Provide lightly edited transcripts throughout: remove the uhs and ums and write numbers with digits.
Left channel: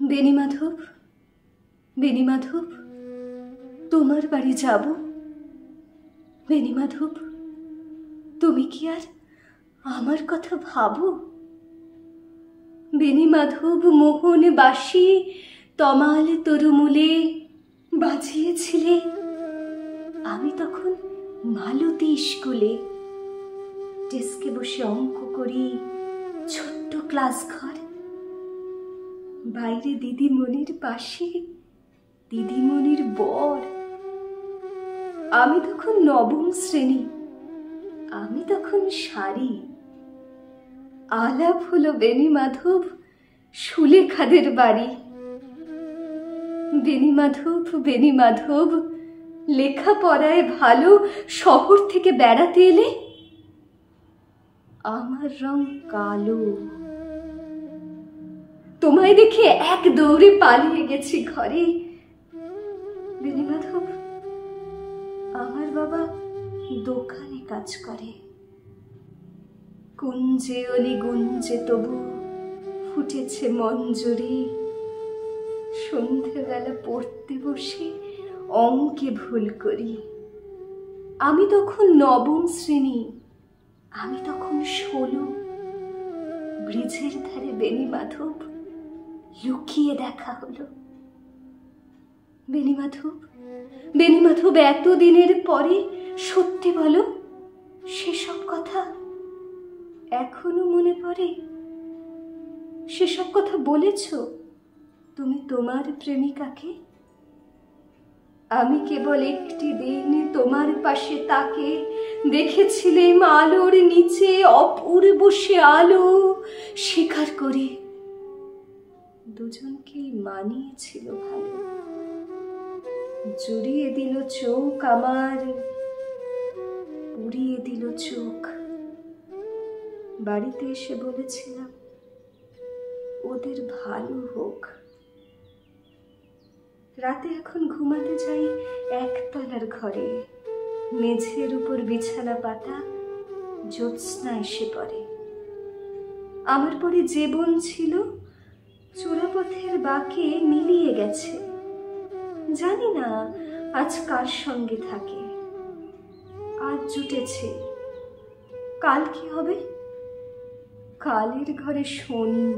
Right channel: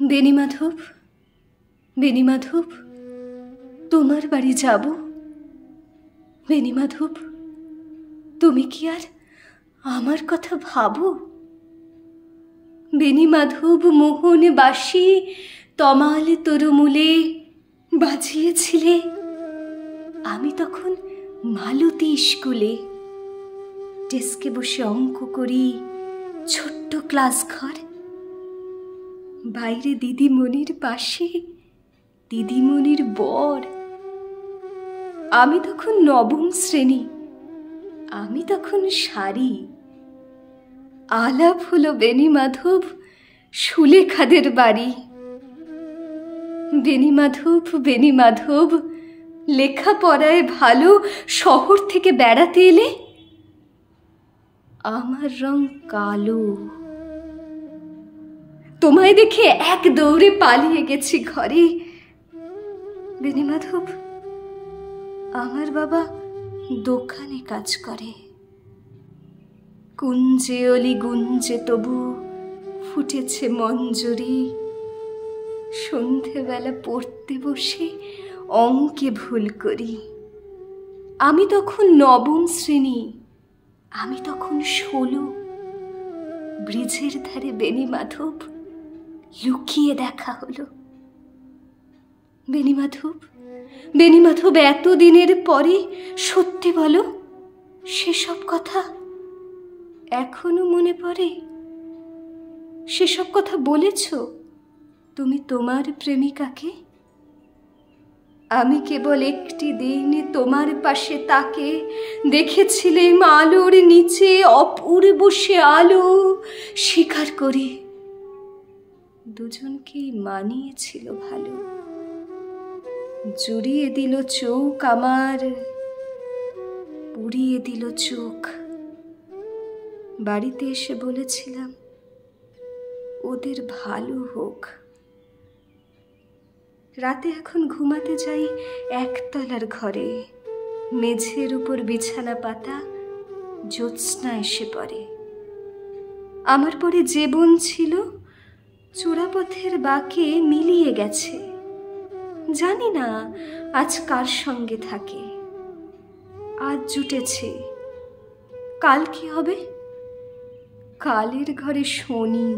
বেণীমাধব, বেণীমাধব, তোমার বাড়ি যাব। বেণীমাধব, তুমি কি আর আমার কথা ভাবো? বেণীমাধব মোহন বাসি তমাল তরুমূলে বাজিয়েছিলে। আমি তখন মালতী স্কুলে ডেস্কে বসে অঙ্ক করি, ছোট্ট ক্লাস ঘর। বাইরে দিদিমণির পাশে দিদিমণির বর। আমি তখন নবম শ্রেণী, আমি তখন শাড়ি। আলাপ হলো বেণীমাধব সুলেখাদের বাড়ি। বেণীমাধব, বেণীমাধব, লেখাপড়ায় ভালো, শহর থেকে বেড়াতে এলে। আমার রং কালো। তোমায় দেখে এক দৌড়ে পালিয়ে গেছি ঘরে। বেণীমাধব, আমার বাবা দোকানে কাজ করে। কুঞ্জে অলি গুঞ্জে তবু ফুটেছে মঞ্জরি। সন্ধেবেলা পড়তে বসে অঙ্কে ভুল করি। আমি তখন নবম শ্রেণী, আমি তখন 16। ব্রিজের ধারে বেণীমাধব লুকিয়ে দেখা হলো। বেণীমাধব, বেণীমাধব, এতদিনের পরে সত্যি বলো, সেসব কথা এখনো মনে পড়ে? সেসব কথা বলেছ তুমি তোমার প্রেমিকাকে? আমি কেবল একটি দিন তোমার পাশে তাকে দেখেছিলাম আলোর নিচে, অপূর্ব সে আলো। স্বীকার করি দুজনকেই মানিয়েছিল ভালো। জুড়িয়ে দিল চোখ আমার, পুড়িয়ে দিল চোখ। বাড়িতে এসে বলেছিলাম ওদের ভালো হোক। রাতে এখন ঘুমাতে যাই একতলার ঘরে। মেঝের উপর বিছানা পাতা, জ্যোৎস্না এসে পড়ে। আমার পরে যে বোন ছিল চোরাপথের বাঁকে মিলিয়ে গেছে। জানি না আজ কার সঙ্গে থাকে। আজ জুটেছে, কাল কি হবে? কালের ঘরে শনি।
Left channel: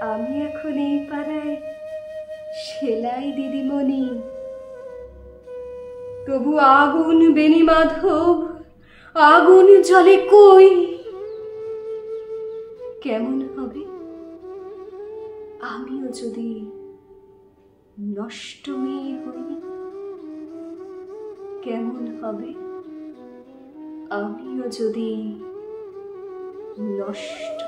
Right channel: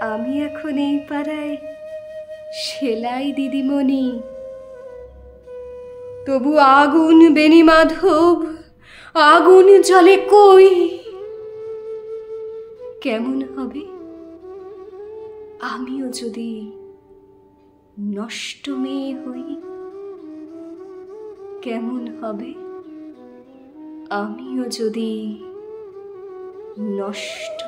আমি এখন এই পাড়ায় সেলাই দিদিমণি। তবু আগুন বেণীমাধব, আগুন জ্বলে কই। কেমন হবে আমিও যদি নষ্ট মেয়ে হই? কেমন হবে আমিও যদি নষ্ট